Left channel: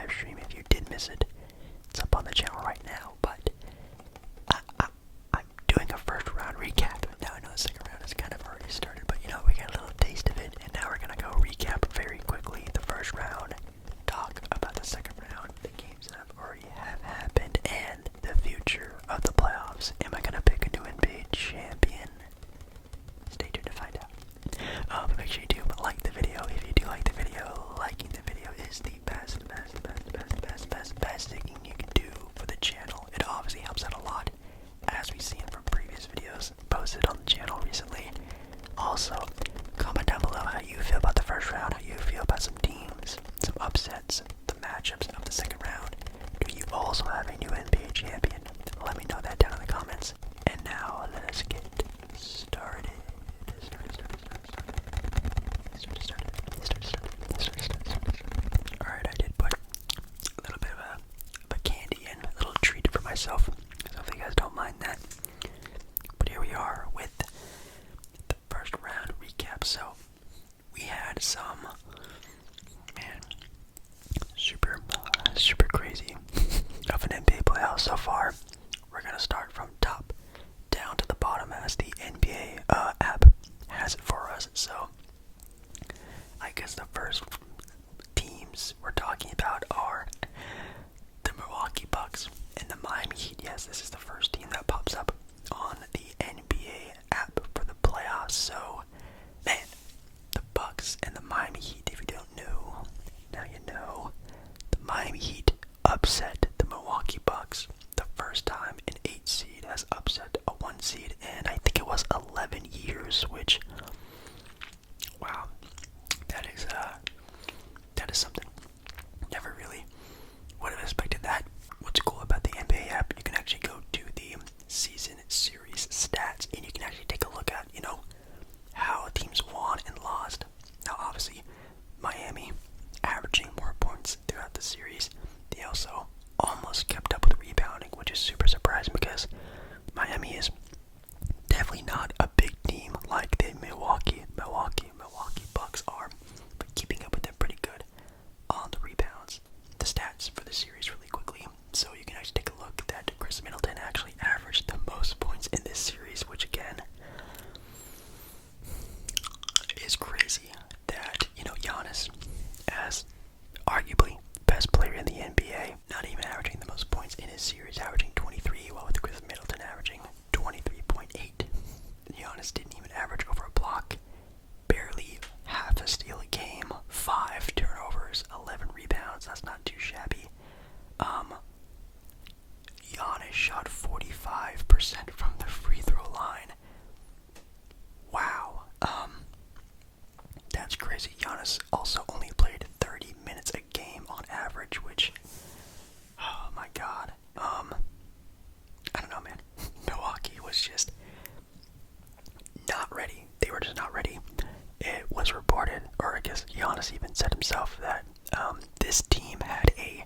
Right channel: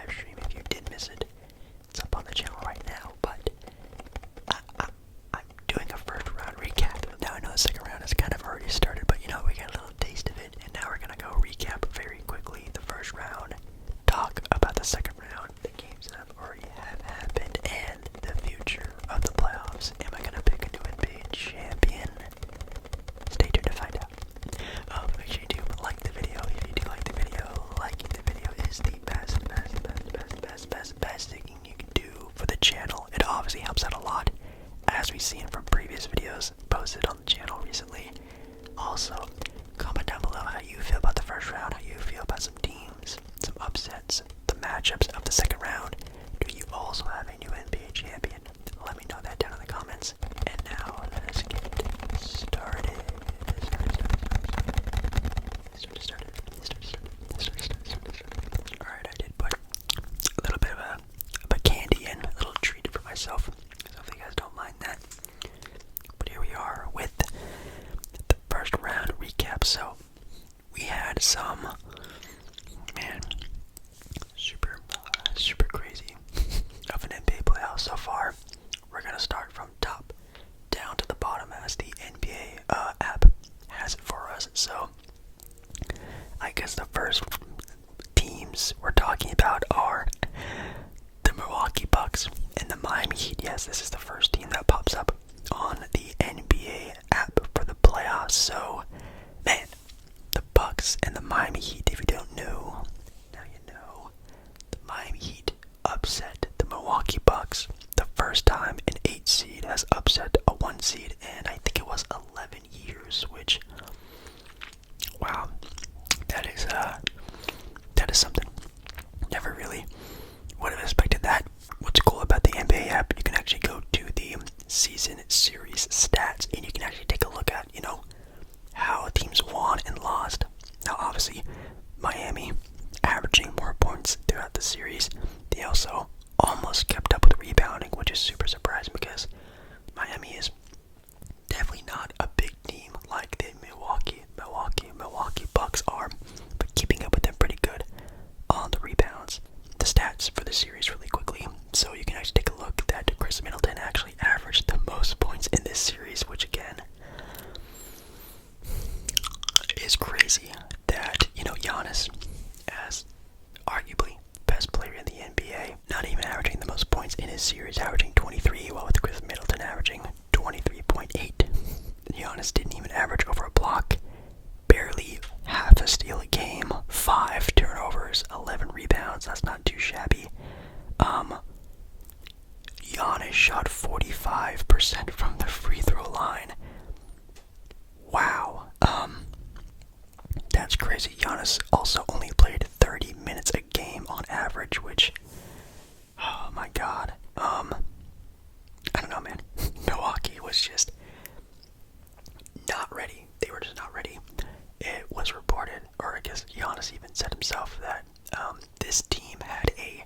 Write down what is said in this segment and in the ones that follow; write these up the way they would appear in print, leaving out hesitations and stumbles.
live stream. If you did miss it, it's up on the channel right now. But I'm doing a first round recap. Now I know the second round has kind of already started, but we got a little taste of it, and now we're gonna go recap very quickly the first round, talk about the second round, the games that have already happened, and the future of the playoffs. Am I gonna pick a new NBA champion? Stay tuned to find out. Make sure you do like the video. If you do like the video, liking the video is the best thing you can do for the channel. It obviously helps out a lot, as we've seen from previous videos posted on the channel recently. Also, comment down below how you feel about the first round, how you feel about some teams, some upsets, the matchups of the second round. Do you also have a new NBA champion? Let me know that down in the comments. And now, let us get started. Alright, I did put a little bit of a candy in, a little treat for myself. So hopefully you guys don't mind that. But here we are with the first round recap. So we had some, man, super crazy of an NBA playoff so far. We're gonna start from top down to the bottom as the NBA app has it for us. So I guess the first teams we're talking about are the Milwaukee Bucks and the Miami Heat. Yes, this is the first team that pops up on the NBA app for the playoffs. So, man, the Bucks and the Miami Heat, if you don't know, now you know. The Miami Heat upset the Milwaukee Bucks. The first time an 8 seed has upset a 1 seed, and I think it was 11 years, which, wow, that is something. Never really would have expected that. What's cool about the NBA app, you can actually go to the season series stats, and you can actually take a look at, how teams won and lost. Now, obviously, Miami averaging more points throughout the series. They also almost kept up with rebounding, which is super surprising because Miami is definitely not a big team like the Milwaukee Bucks are, but keeping up with them pretty good on the rebounds. The stats for the series really quickly, so you can actually take a look that Chris Middleton actually averaged the most points in this series, which again is crazy that, Giannis, as arguably best player in the NBA, not even averaging the most points in his series, averaging 23, while with Chris Middleton averaging 23.8. Giannis didn't even average over a block, barely half a steal a game, 5 turnovers, 11 rebounds. That's not too shabby. Giannis shot 45% from the free throw line. Wow. That's crazy. Giannis also only played 30 minutes a game on average, which, oh my god. I don't know, man. Milwaukee was just not ready. They were just not ready. It was reported, or I guess Giannis even said himself, that this team had a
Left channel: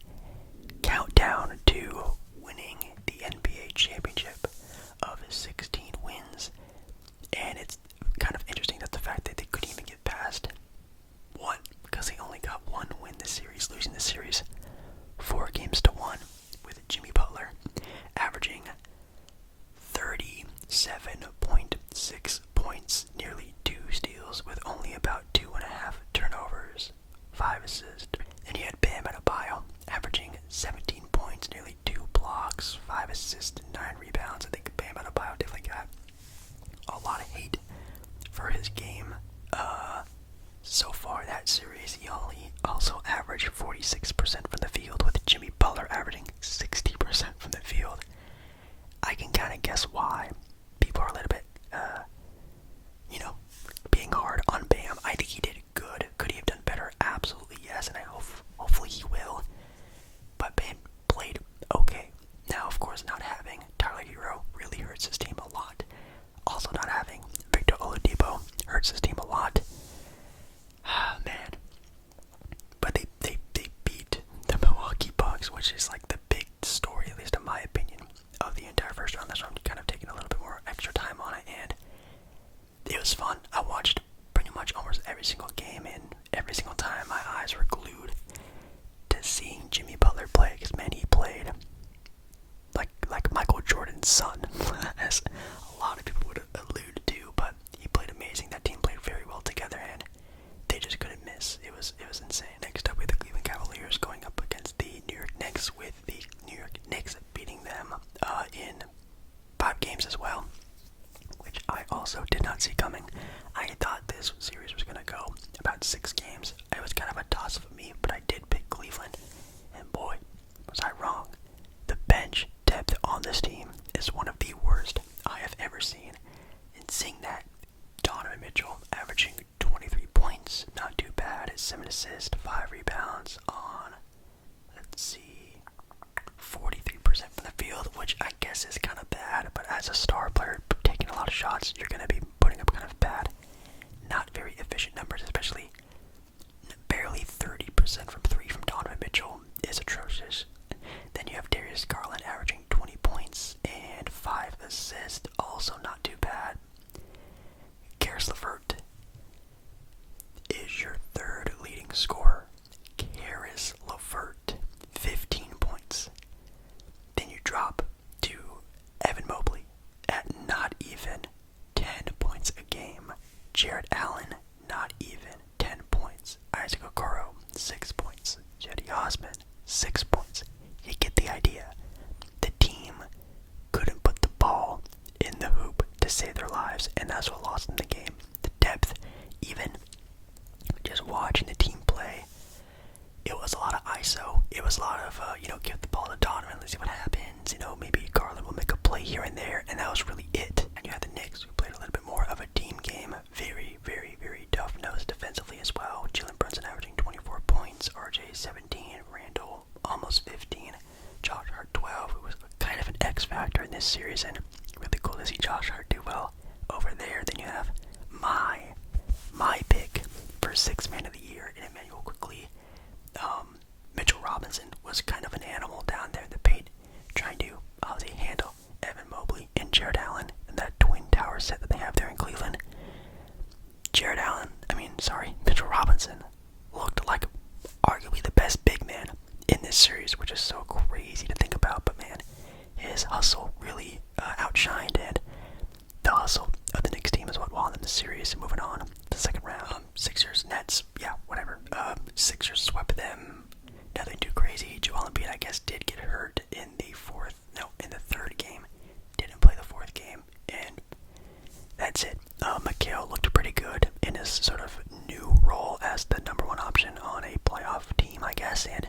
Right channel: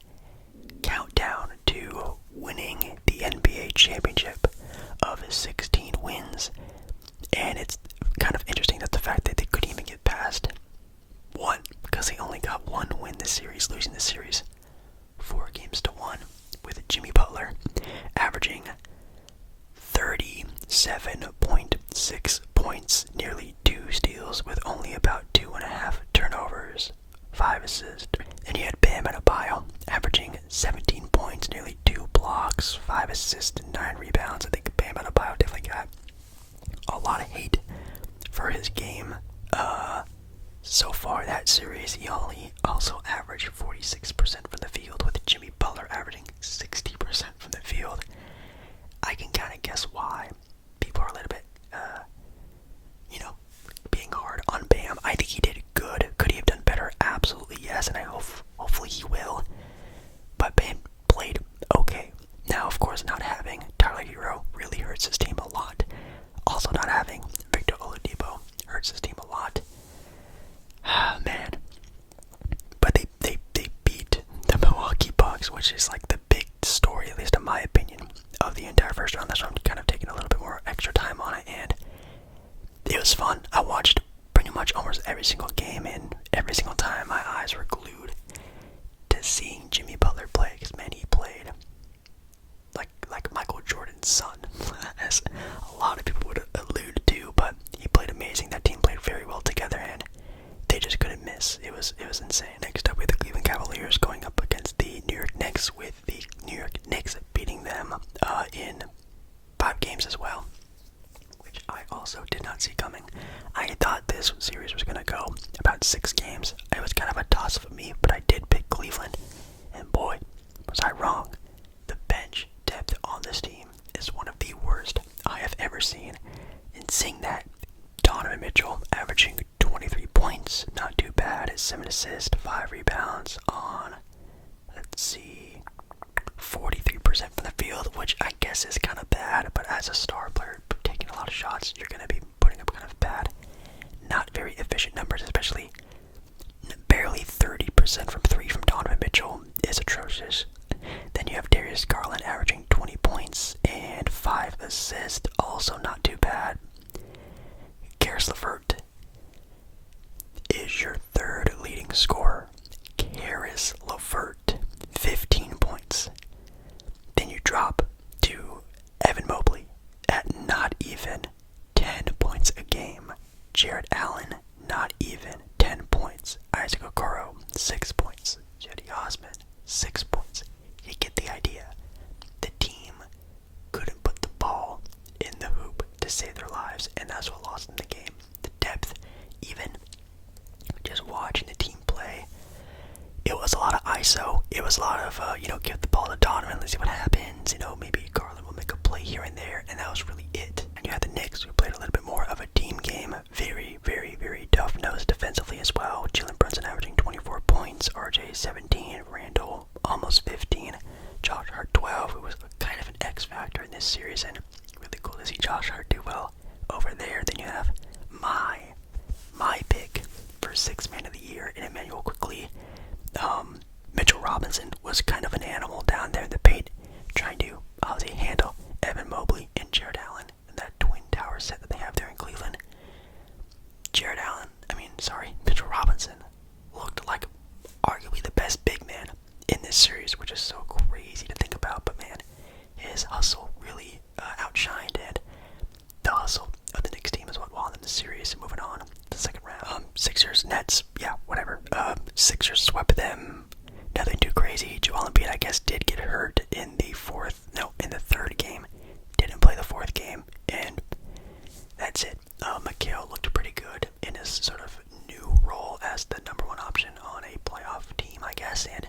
countdown to winning the NBA championship of 16 wins. And it's kind of interesting that the fact that they couldn't even get past one, because they only got one win this series, losing the series 4-1 with Jimmy Butler averaging 37.6 points, nearly 2 steals with only about 2.5 turnovers, 5 assists. And you had Bam Adebayo averaging 17 points, nearly 2 blocks, 5 assists, and 9 rebounds. I think Bam Adebayo definitely got a lot of hate for his game so far that series. He only also averaged 46% from the field, with Jimmy Butler averaging 60% from the field. I can kind of guess why people are a little bit, being hard on Bam. I think he did good. Could he have done better? Absolutely yes, and I hopefully he will. But Bam played okay. Now, of course, not having Tyler Hero really hurts his team a lot. Also, not having Victor Oladipo hurts his team a lot. Man. But they beat the Milwaukee Bucks, which is like the big story, at least in my opinion, of the entire first round. That's why I'm kind of taking a little bit more extra time on it, and it was fun. I watched pretty much almost every single game, and every single time my eyes were glued to seeing Jimmy 6 points. You get the idea. The team couldn't put the ball in the hoop to save their lives, and that's what lost them the game. The depth, even just watching the team play, it was a lot of ISO. It was a lot of, give the ball to Donovan, let's see what happens. Maybe Garland will make a play here and there, and that was really it. And you had the Knicks, who played a little bit more of a team game. Very, very, very tough-nosed defensively as well. Jalen Brunson averaging 24 points, RJ 17, Randall almost 15, Josh Hart 12, who was kind of an X factor in this series, and really cool to see Josh Hart do well over there. Then you have my pick for Sixth Man of the Year in Emmanuel Quickly. Mitchell Robinson was kind of an animal down there in the paint, trying to obviously handle Evan Mobley and Jared Allen and that twin tower set that they have there in Cleveland. Mitchell Robinson looked like arguably the best big man in this series, which is so crazy to think about, but man, his hustle really outshined, and the hustle of the Knicks team is what won them the series. Moving on to the second round. Sixers, Nets, yeah, whatever. Sixers swept them. Nothing too crazy. Joel Embiid, I guess, did get hurt in the third game. Didn't play the fourth game, and that's it. Mikal looked pretty good in his sort of new role as the number one option on a playoff team, I guess, and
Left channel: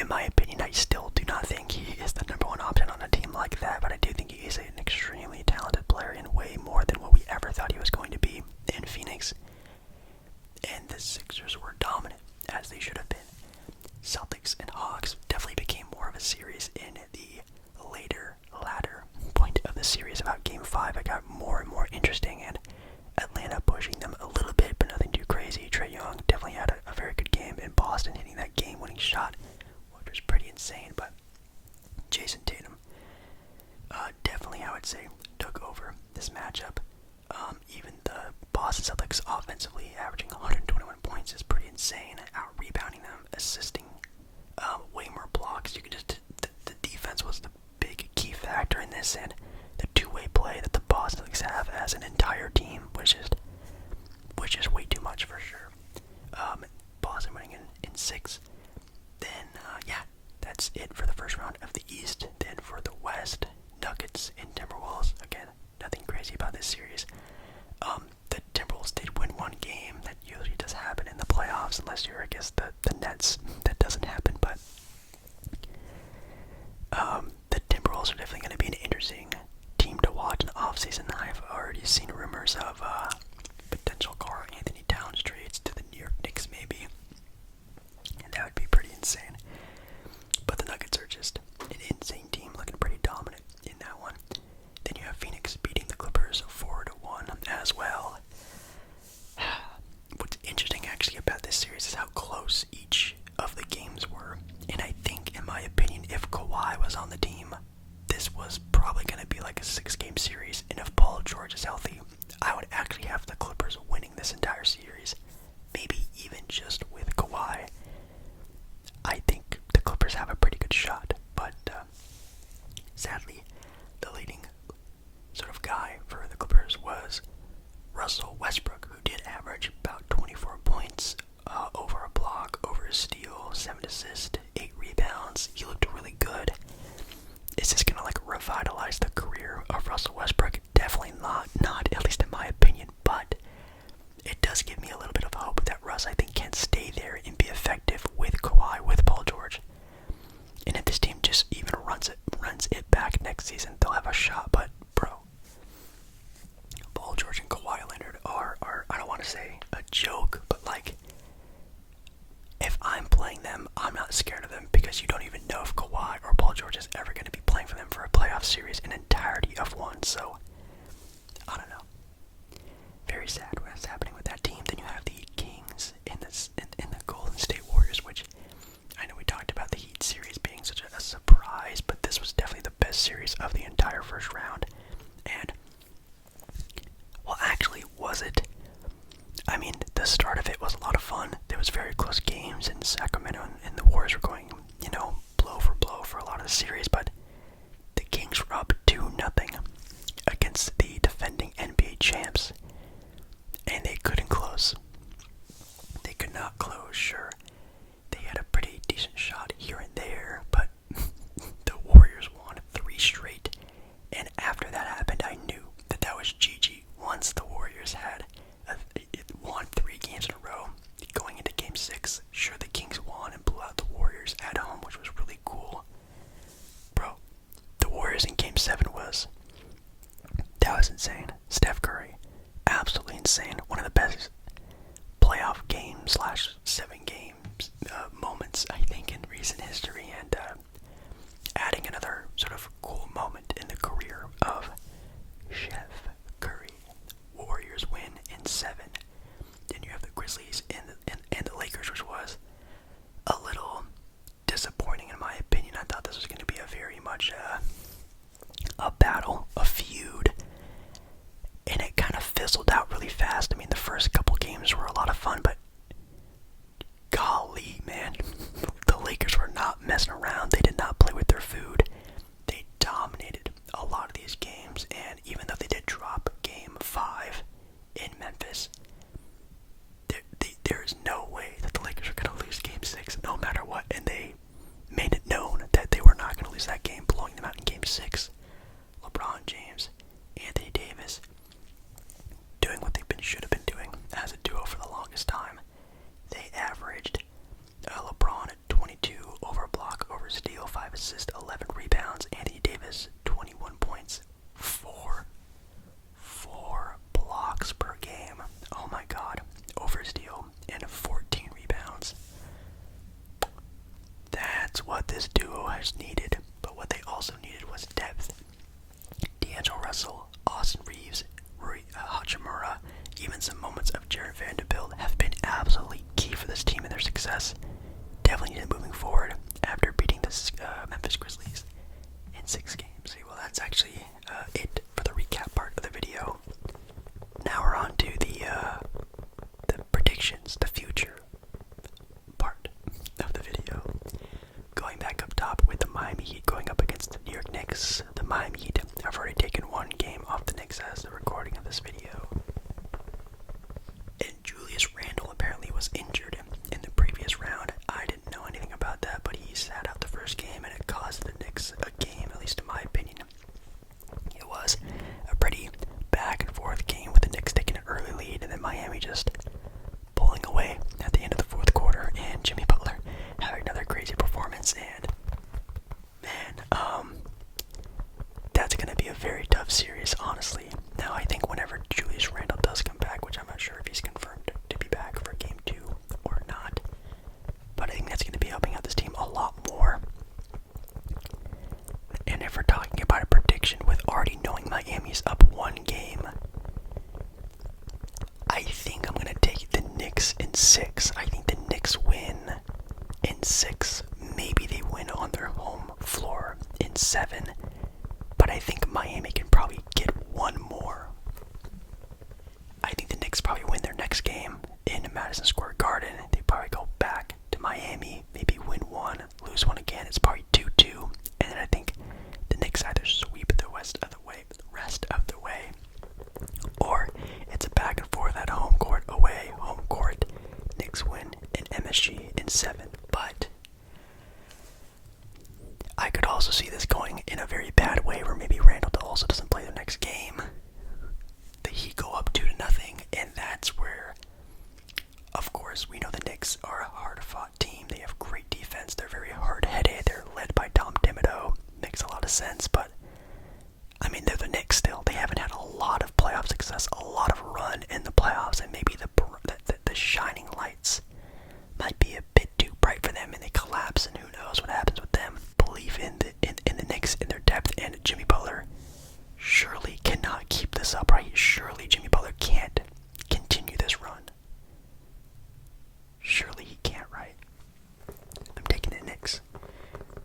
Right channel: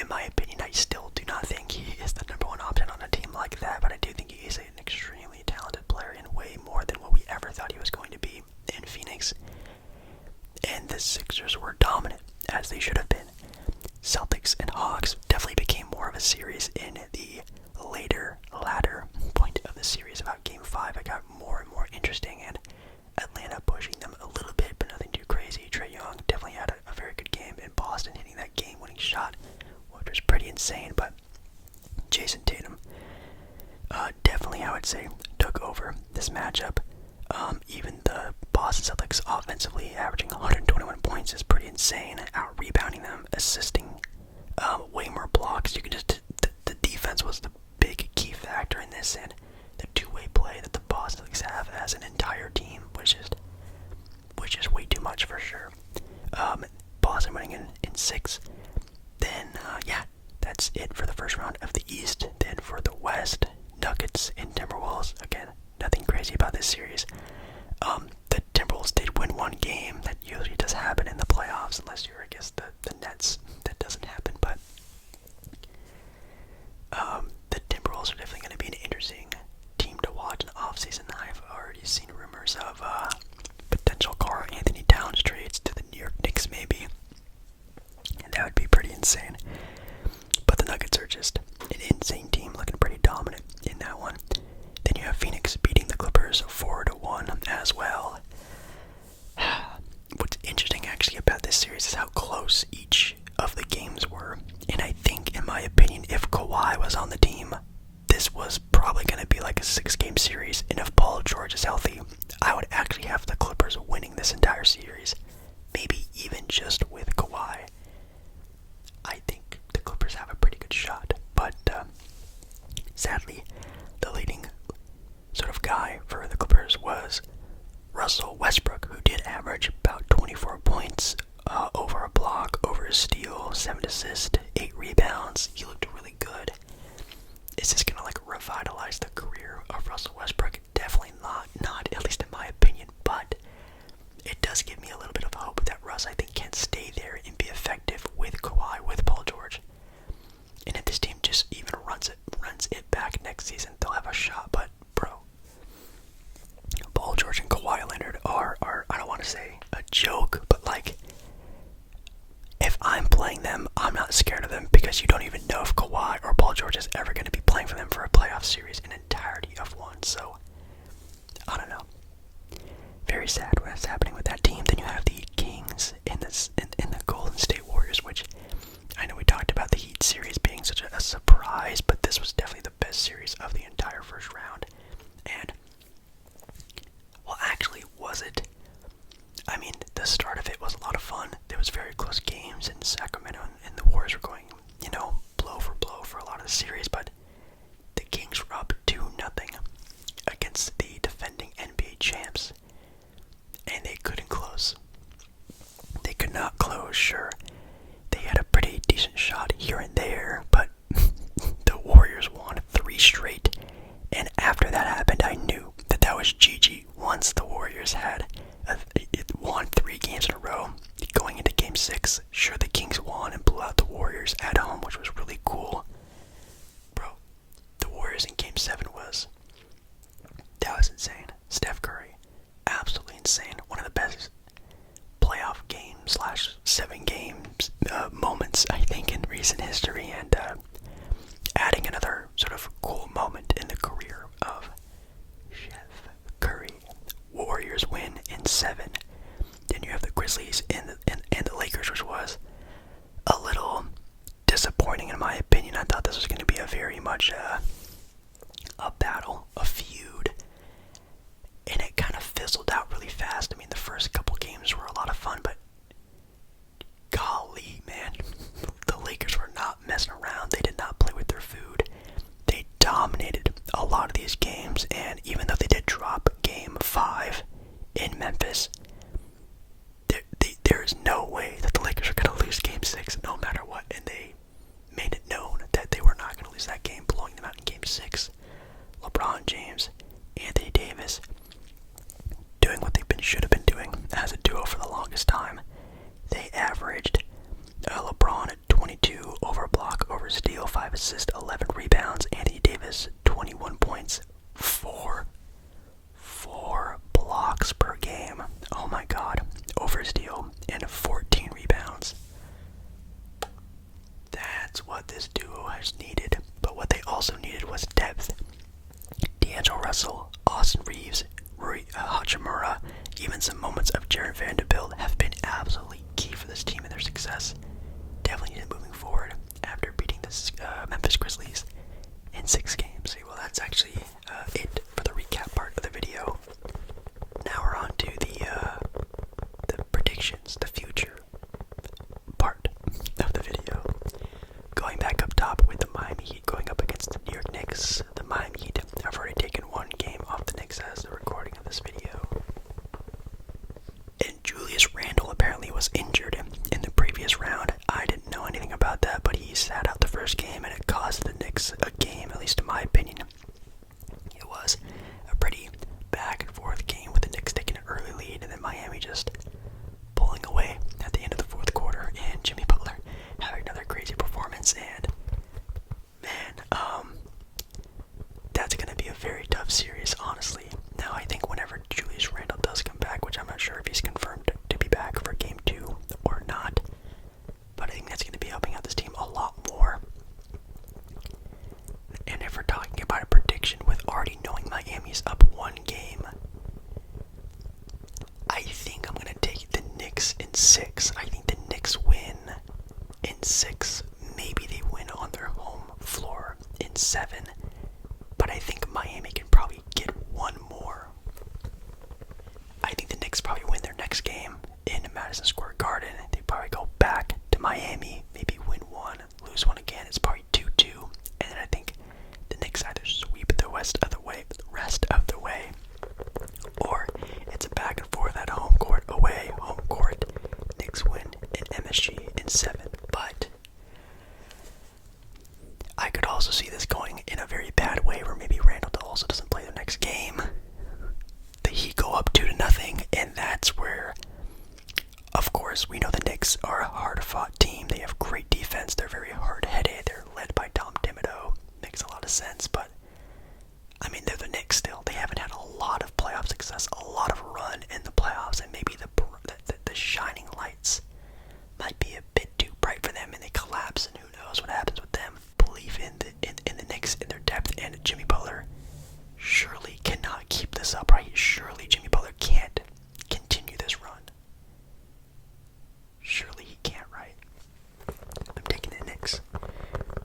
in my opinion, I still do not think he is the number one option on a team like that, but I do think he is an extremely talented player and way more than what we ever thought he was going to be in Phoenix. And the Sixers were dominant, as they should have been. Celtics and Hawks definitely became more of a series in the latter point of the series. About Game 5, it got more and more interesting, and Atlanta pushing them a little bit, but nothing too crazy. Trae Young definitely had a very good game, in Boston hitting that game-winning shot, which was pretty insane, but Jason Tatum definitely, I would say, took over this matchup. Even the Boston Celtics offensively averaging 121 points is pretty insane, out-rebounding them, assisting way more blocks. You can just, the defense was the big key factor in this, and the two-way play that the Boston Celtics have as an entire team, which is way too much for sure. Boston winning in 6. Then, that's it for the first round of the East. Then for the West, Nuggets and Timberwolves. Again, nothing crazy about this series. The Timberwolves did win one game. That usually does happen in the playoffs, unless you're, I guess, the Nets. That doesn't happen, but the Timberwolves are definitely going to be an interesting team to watch in the offseason. I've already seen rumors of potential Karl Anthony Towns trades to the New York Knicks, maybe. And that would be pretty insane. But the Nuggets are just an insane team, looking pretty dominant in that one. Then you have Phoenix beating the Clippers 4-1 as well. What's interesting actually about this series is how close each of the games were. And I think, in my opinion, if Kawhi was on the team, this was probably going to be like a 6-game series. And if Paul George is healthy, I would actually have the Clippers winning this entire series. Maybe even just with Kawhi. I think the Clippers have a pretty good shot. But sadly, the leading sort of guy for the Clippers was Russell Westbrook, who did average about 24 points, over a block, over a steal, 7 assists, 8 rebounds. He looked really good. Is this going to like revitalize the career of Russell Westbrook? Definitely not, at least in my opinion, but it does give me a little bit of hope that Russ, I think, can stay there and be effective with Kawhi, with Paul George. And if this team just even runs it back next season, they'll have a shot. But bro, Paul George and Kawhi Leonard are I don't want to say a joke, but like, if I'm playing them, I'm not scared of them, because you don't even know if Kawhi or Paul George is ever going to be playing for them for a playoff series, an entirety of one. So I don't know. Very sad what's happening with that team. Then you have the Kings in the Golden State Warriors, which I know we talked about the Heat series being such a surprise, but this was definitely the best series of the entire first round. And, well, actually, was it? I mean, the start of it was a lot of fun. There was very close games in Sacramento, and the Warriors were going, blow for blow for a lot of the series, but the Kings were up 2-0 against the defending NBA champs, and they couldn't close. They could not close, sure. They had a pretty decent here and there, but the Warriors won 3 straight, and after that happened, I knew that was GG. Once the Warriors had won 3 games in a row, going into Game 6, sure, the Kings won and blew out the Warriors at home, which was really cool. Bro, the Warriors in Game 7 that was insane. Steph Curry, absolutely insane. One of the best playoff games / 7 games moments, I think, in recent history, and adding another sort of cool moment in the career of Chef Curry. Warriors win in 7. Then you have the Grizzlies and the Lakers, which was a little disappointing in my opinion. I thought this was going to be a very much a battle, a feud, and it kind of fizzled out really fast. I mean, the first couple games were a lot of fun, but golly, man, the Lakers were not messing around. They did not play with their food. They dominated a lot of these games, and even though they did drop Game 5 in Memphis, there is no way that the Lakers are going to lose Game 6 no matter what, and they made it known that they were not going to lose that game, blowing them out in Game 6. LeBron James, Anthony Davis, doing what they should have been doing as a duo for the longest time. They averaged LeBron at 22 over block, over steal, 5 assists, 11 rebounds. Anthony Davis, 21 points, 4 blocks per game. Oh my god, over steal, and 14 rebounds. That's what this duo has needed. But what they also needed was depth. D'Angelo Russell, Austin Reeves, Rui Hachimura, even some moments of Jared Vanderbilt have been absolutely key for this team and their success. Definitely needed moving forward after beating the Memphis Grizzlies in 6 games. Well, that's actually it for the recap part of the video. Now we're on to the predictions, the future part of the video. Going back up top with the Miami Heat going up against the New York Knicks. The Miami Heat have already taken 1 game off the Knicks as the recording of this video. And Julius Randle apparently was injured in the previous round. I didn't know anything about that, but he sat out the first game, and it cost the Knicks a game, at least in my opinion. It was a pretty back and forth game with the Knicks taking an early lead, and then Miami just pulling away at the end of the 4th quarter, and Jimmy Butler having another crazy performance. And man, that's going to be a very tough series, honestly. Now, I think whenever Julius Randle does come back, which I'm not sure if he's confirmed to be back for Game 2 or not, but I think that's going to be helping out this team a lot more. And if we're talking about a prediction with already knowing Miami's up 1 game, I think I'm going to take the Knicks in 6. I think the Knicks win in 6. Maybe they win on their home floor in 7. But I think Miami can probably get 1 more. I think the Knicks probably win their next game in Madison Square Garden. They probably go back to Miami, maybe win 1, lose 1 again. It's probably 2-2. And then I think the Knicks either sweep the rest of the way, or it's a back and forth at home court, away, home court. Knicks win in MSG in 7. But I could also see this going in a very bad way, where maybe Randle also doesn't play the next game. The Heat go up 2-0, and that's where, of course, we know the Knicks are a hard-fought team. They have great defense. They're very hard-headed. They're led by Tom Thibodeau. Makes a lot of sense, but I mean, they're the Knicks still. They haven't had a lot of playoff success, a lot of run in the playoffs, and maybe the shining lights might be a bit too bright for them, and they collapse, and who knows what happens with them. Believe in the Knicks, in their depth, and Jimmy Butler surely cannot keep this up, right? Surely Jimmy Butler can't continue this run. Surely he can't, right? I'm taking the Knicks.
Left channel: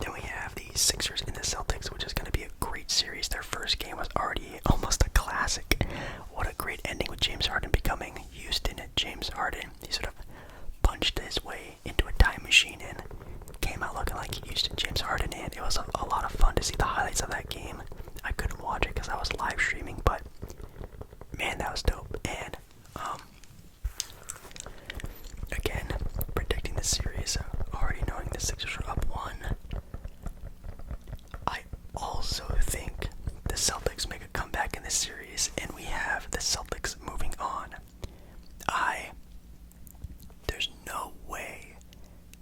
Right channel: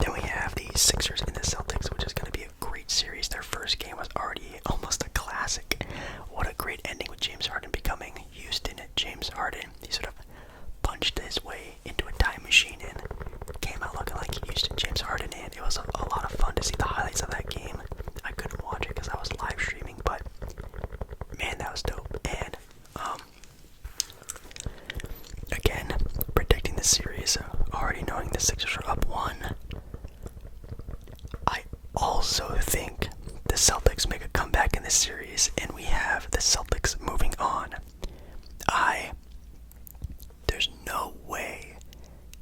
Then we have the Sixers and the Celtics, which is going to be a great series. Their first game was already almost a classic. What a great ending with James Harden becoming Houston James Harden. He sort of punched his way into a time machine and came out looking like Houston James Harden, and it was a lot of fun to see the highlights of that game. I couldn't watch it because I was live streaming, but man, that was dope. And again, predicting the series, already knowing the Sixers Sixers are up 1. I also think the Celtics make a comeback in this series, and we have the Celtics moving on. There's no way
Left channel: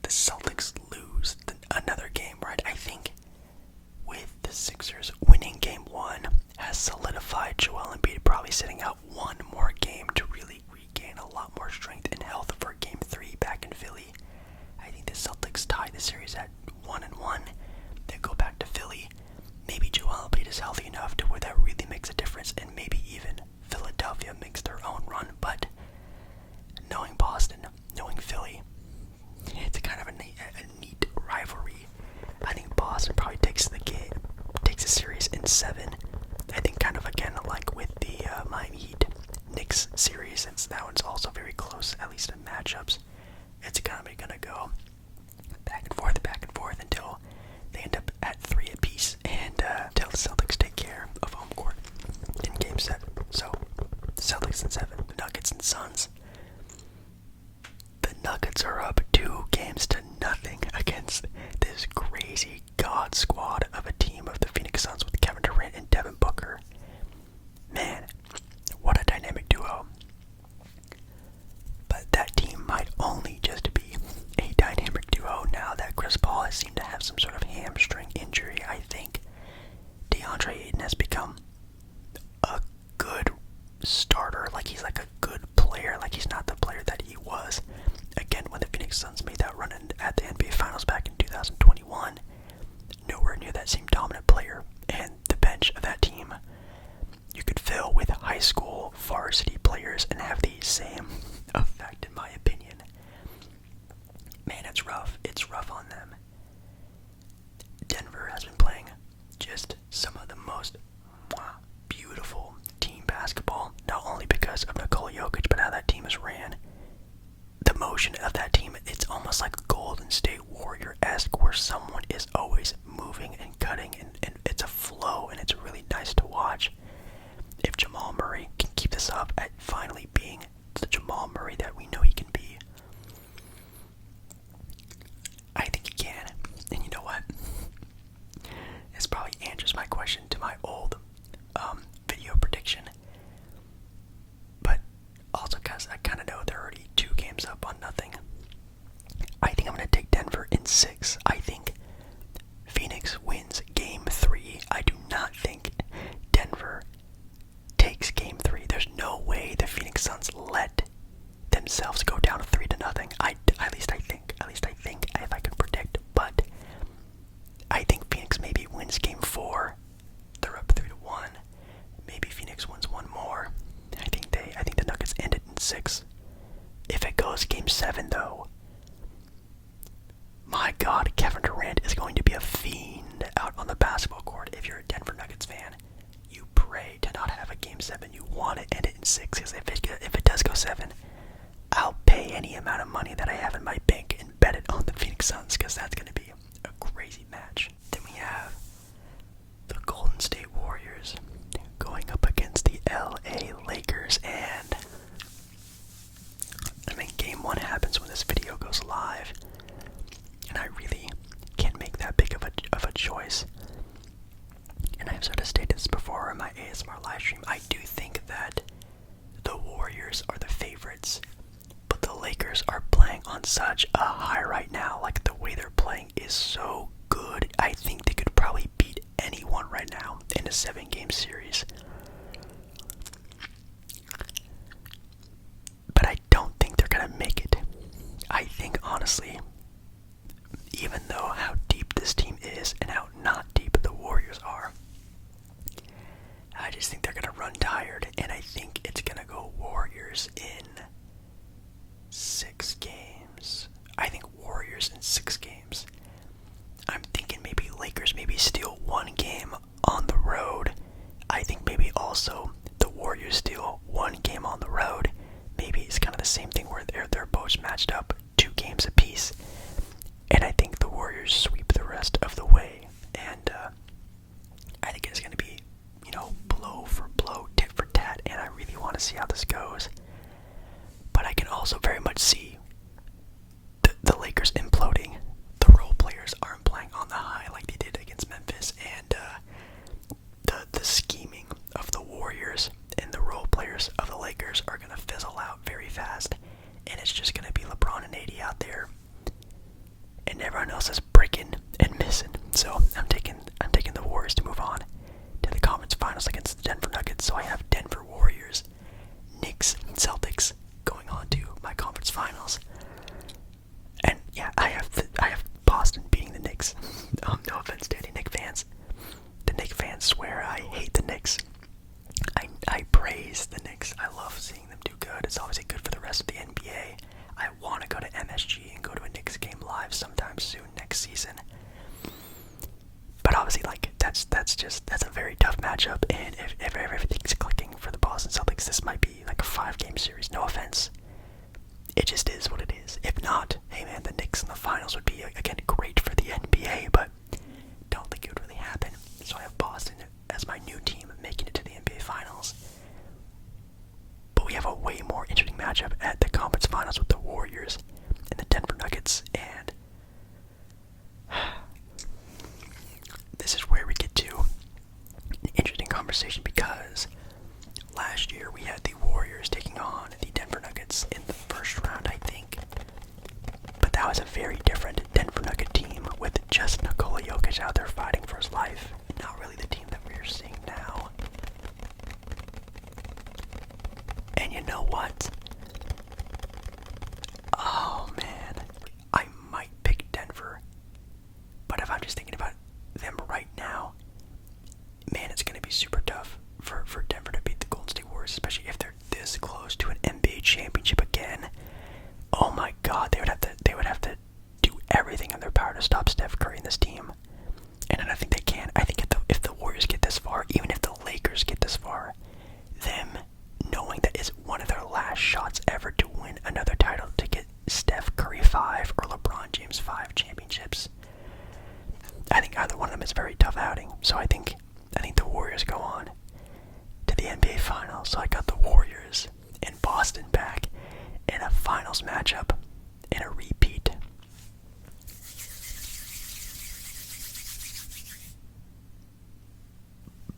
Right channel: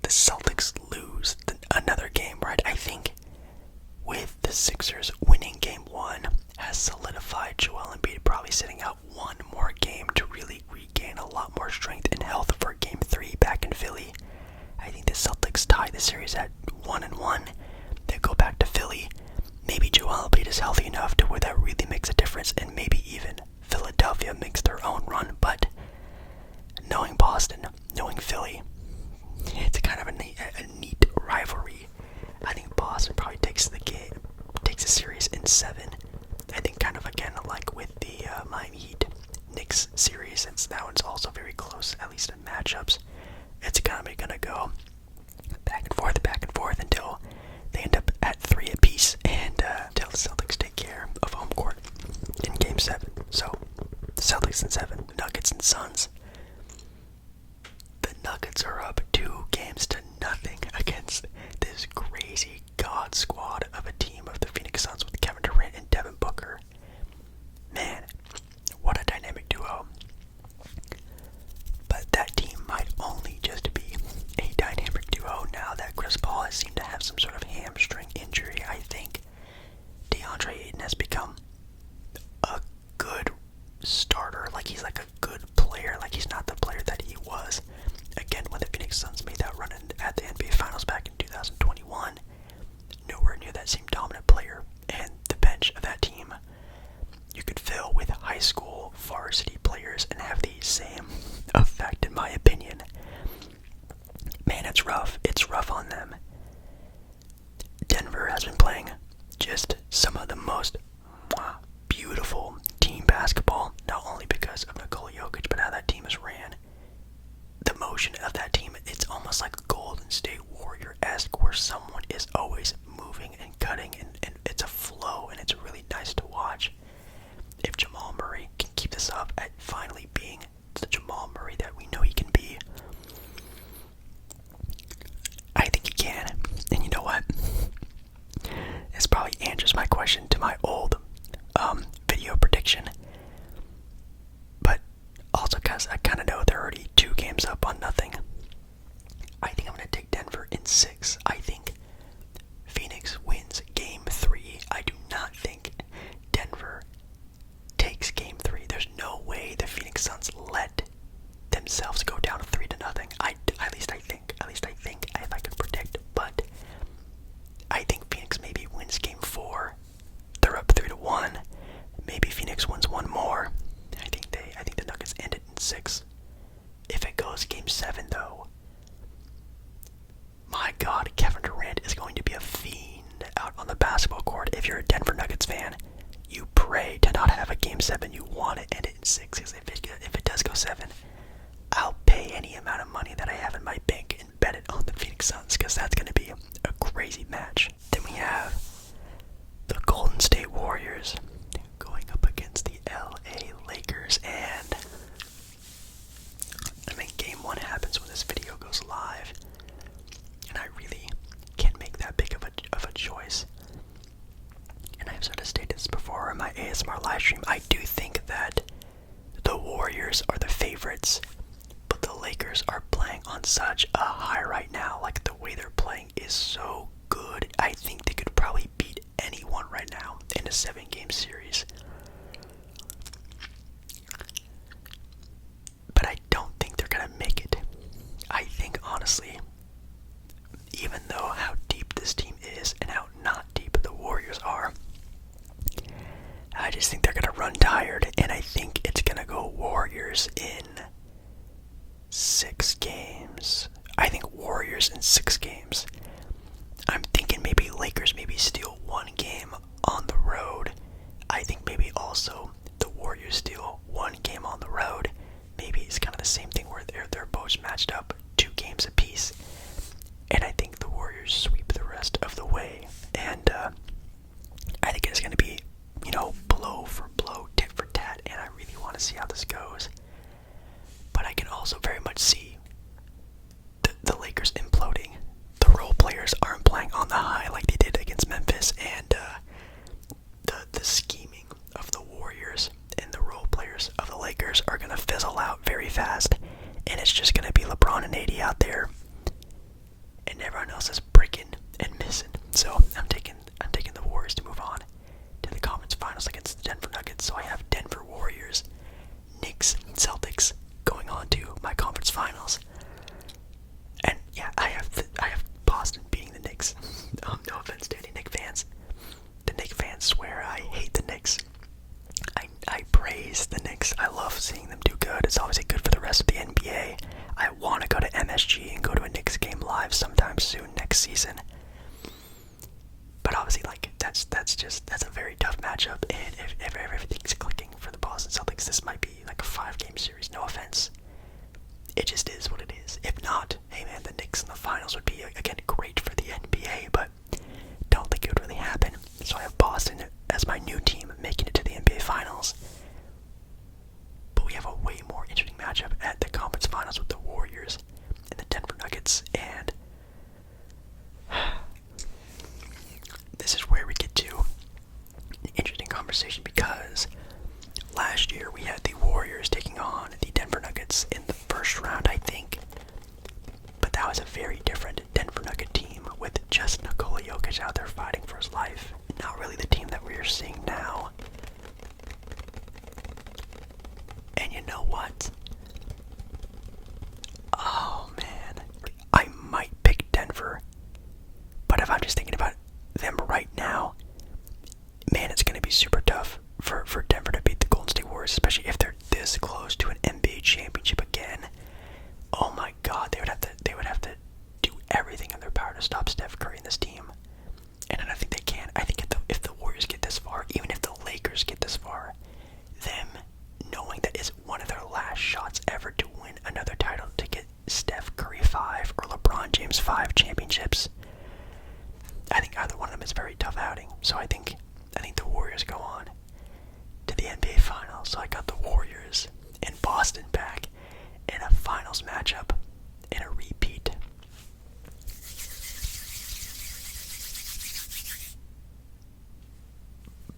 the Celtics lose another game, right? I think with the Sixers winning game 1 has solidified Joel Embiid probably sitting out one more game to really regain a lot more strength and health for game 3 back in Philly. I think the Celtics tie the series at 1-1. They go back to Philly. Maybe Joel Embiid is healthy enough to where that really makes a difference, and maybe even Philadelphia makes their own run. But knowing Boston, knowing Philly, it's kind of a neat rivalry. I think Boston probably takes the series in 7. I think kind of again like with the Miami Heat Knicks series, since that one's also very close, at least in matchups. It's gonna go back and forth until they end up at 3 apiece, and until the Celtics take care of home court in game 7. So the Celtics in 7, the Nuggets and Suns. The Nuggets are up 2-0 against this crazy god squad of a team of the Phoenix Suns with Kevin Durant and Devin Booker. Man, what a dynamic duo. But that team might only just be a dynamic duo now that Chris Paul has seemed to have some sort of hamstring injury. I think DeAndre Ayton has become a good starter. Like, he's like a good player. Like, he's not the player that he was again when the Phoenix Suns made that run at the NBA Finals back in 2021. Nowhere near that same dominant player. And the bench of that team you could fill with high school varsity players and have the same effect, in my opinion. Man, it's rough. It's rough on them. Denver has been playing just some of the most beautiful team basketball, not only because of Nikola Jokic, but how that team is ran. The motion of that team, it's almost like Golden State Warrior-esque, where someone is always moving and cutting, and it's a flow, and it's really nice to watch. If Jamal Murray can keep this up at finally being the Jamal Murray that we know he can be, I think he can. And you know what? This probably answers my question to my old video prediction. But also because I kind of know they're already 2 games up on nothing. I think I'm going to take Denver in 6. I think Phoenix wins game 3. I do not think Denver takes game 3. There's no way the Phoenix Suns let themselves go down 3-0. At least I think, if I could predict. But I think Phoenix maybe wins game 4. They're up 3-1. Maybe Phoenix wins one more. I think the Nuggets end it in 6. If it goes game 7 though, my God, Kevin Durant is going to be a fiend out on the basketball court. If you're a Denver Nuggets fan, you pray to not have a game 7. You want to end it in 6, because if it does go 7, I'll pay any amount of money that I have in my bank and bet it on the Phoenix Suns, because that's going to be a crazy match. Then we have the Golden State Warriors going up against the LA Lakers, and I mean, game 1 happens when this video goes live, and I really can't make that big of a choice. And I've sort of stated this before in my ASMR live stream. I do think that the Warriors are the favorites, but the Lakers are playing on such a high right now. Like, the way they're playing is so good. I think they could probably beat anyone right now in a 7-game series. But I don't think they're going to make it. I think, honestly, even though how deep this team is and how not deep the Warriors are, I just think they're going to run tired, and I think it's going to go Warriors in 6 games. I think Warriors in 6 games. I'm thinking maybe Lakers maybe steal 1 game on the road. I think maybe also the Warriors steal 1 game on the road. Maybe it's kind of the same thing where they're both matched up 2 games apiece. And I think the Warriors sweep the rest of the way. And I think it's going to be, blow for blow, tit for tat. And I really want to see how this goes. But I can also very much see the Lakers imploding. The role players else is breaking and missing. So I'm taking the Warriors to move on to the conference finals against the Denver Nuggets. So I have Denver Warriors, Knicks, Celtics going on to my conference finals. And yeah, I have Boston beating the Knicks. No offense to any Knicks fans. The Knicks fans swear I hate the Knicks. I praise the Knicks. I love seeing them do good. It's obviously good for the rest of the NBA. I want to go to MSG and go to a Knicks game live sometime soon next season. But obviously, like, that's a very tough matchup. And if everything's clicking for the Boston Celtics, this might be like a 5-game series. No offense. It just is what it is. If not, hey man, the Knicks in the finals would be, again, great for the NBA, but don't think it would really happen. So I have Boston as my new team making it to the NBA Finals. But we have a way more interesting matchup at the conference finals with the Warriors and the Denver Nuggets. And this is where we get to an interesting conversation, because last year we had the Warriors taking on the Denver Nuggets in the first round, I think. But that was a very different Denver Nugget team with just Nikola Jokic out there fighting for his life. Not really the team that we're seeing now. And you know what? Oh man, I might pick Denver. But if I'm just thinking about them right now, man, it's going to be super tough for Denver to beat the Golden State Warriors, especially if they're this close to an NBA championship again. Oh my God, they would have to do everything in their power to stop Steph Curry and this team. And I think they can. I think if the Warriors get this far, even if the Lakers get this far, them knowing that is one of their last shots ever to win another title, to get Steph Curry 5 or LeBron James 5 championships, I think either one of them is a very tough outing. So I think the Warriors go on to the NBA Finals. So I got the Warriors in Boston back in a finals matchup in a repeat.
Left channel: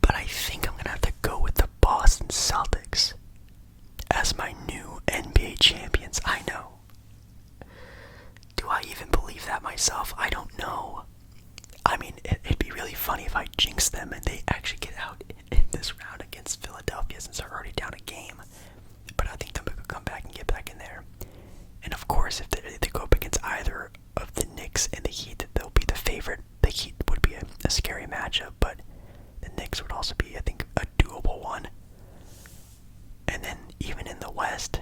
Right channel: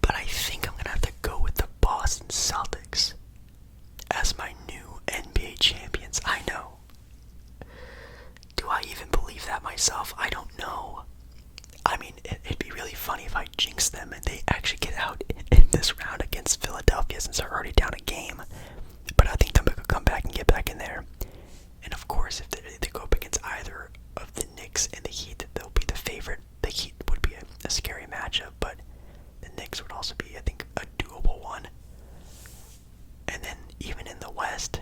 But I think I'm going to have to go with the Boston Celtics as my new NBA champions. I know. Do I even believe that myself? I don't know. I mean, it'd be really funny if I jinx them and they actually get out in this round against Philadelphia, since they're already down a game. But I think they'll come back and get back in there. And of course, if they go up against either of the Knicks and the Heat, they'll be the favorite. The Heat would be a scary matchup, but the Knicks would also be, I think, a doable one. And then even in the West,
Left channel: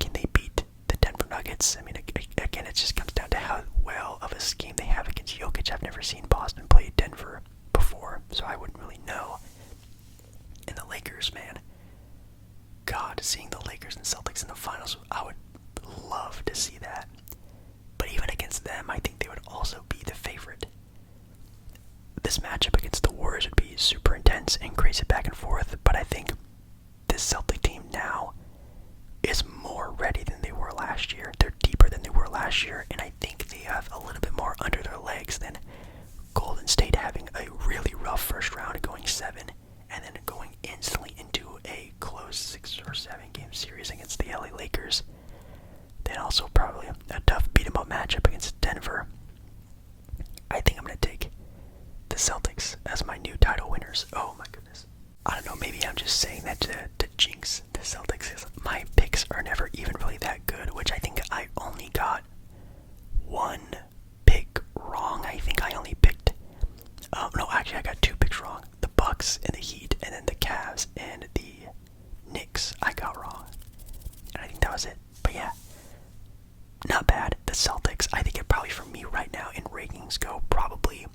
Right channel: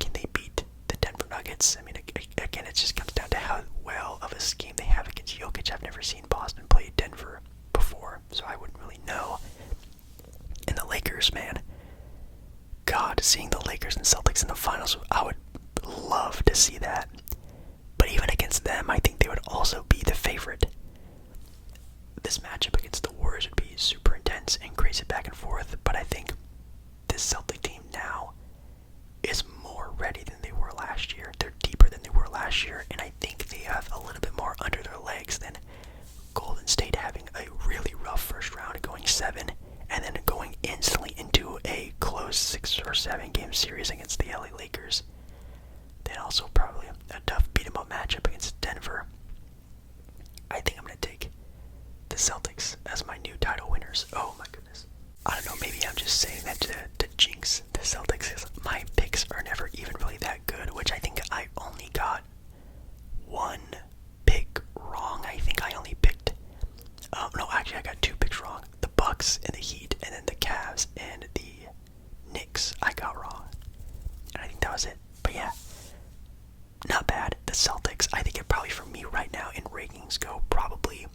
can they beat the Denver Nuggets? I mean, again, it just comes down to how well of a scheme they have against Jokic. I've never seen Boston play Denver before, so I wouldn't really know. And the Lakers, man. God, seeing the Lakers and Celtics in the finals, I would love to see that. But even against them, I think they would also be the favorite. This matchup against the Warriors would be super intense and crazy back and forth, but I think this Celtic team now is more ready than they were last year. They're deeper than they were last year, and I think they have a little bit more under their legs than Golden State having a really rough first round, going 7, and then going instantly into a close 6 or 7 game series against the LA Lakers. Then also probably a tough beat-em-up matchup against Denver. I think I'm going to take the Celtics as my new title winners. Oh my goodness. I don't know, maybe I'm just saying that to jinx the Celtics, because my picks are never even really that good, which I think I only got one pick wrong. I think I only picked, no, actually I got 2 picks wrong. The Bucks and the Heat, and then the Cavs and the Knicks I got wrong. And I think that was it. But yeah, not bad. The Celtics, I think it probably for me right now in rankings go probably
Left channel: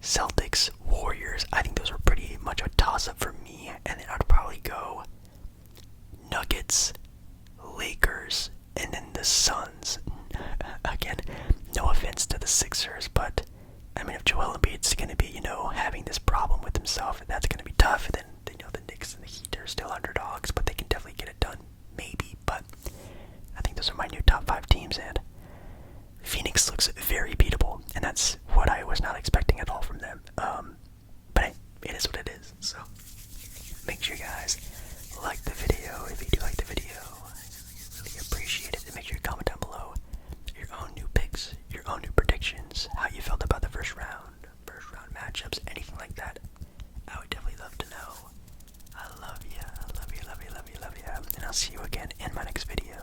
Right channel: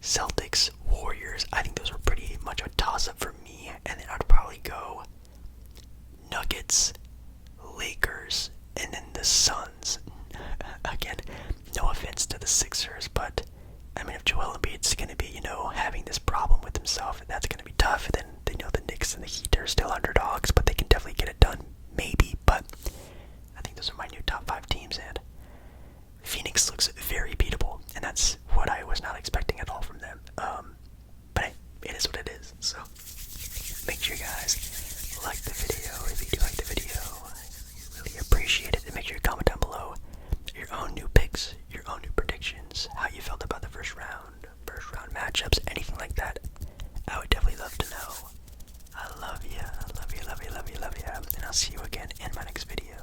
Celtics, Warriors. I think those are pretty much a toss-up for me. And then I'd probably go Nuggets, Lakers, and then the Suns. Again, no offense to the Sixers, but I mean, if Joel Embiid's going to be, having this problem with himself, that's going to be tough. Then, the Knicks and the Heat are still underdogs, but they can definitely get it done, maybe. But I think those are my new top 5 teams, and Phoenix looks very beatable, and that's what I was not expecting at all from them. But hey, it is what it is. So make sure you guys like the video. If you do like the video, I really appreciate it. And make sure you comment down below your own new picks matchups, anything like that, I would definitely love to know. I love you, I love you, love you, love you, love you. And I'll see you again in my next video.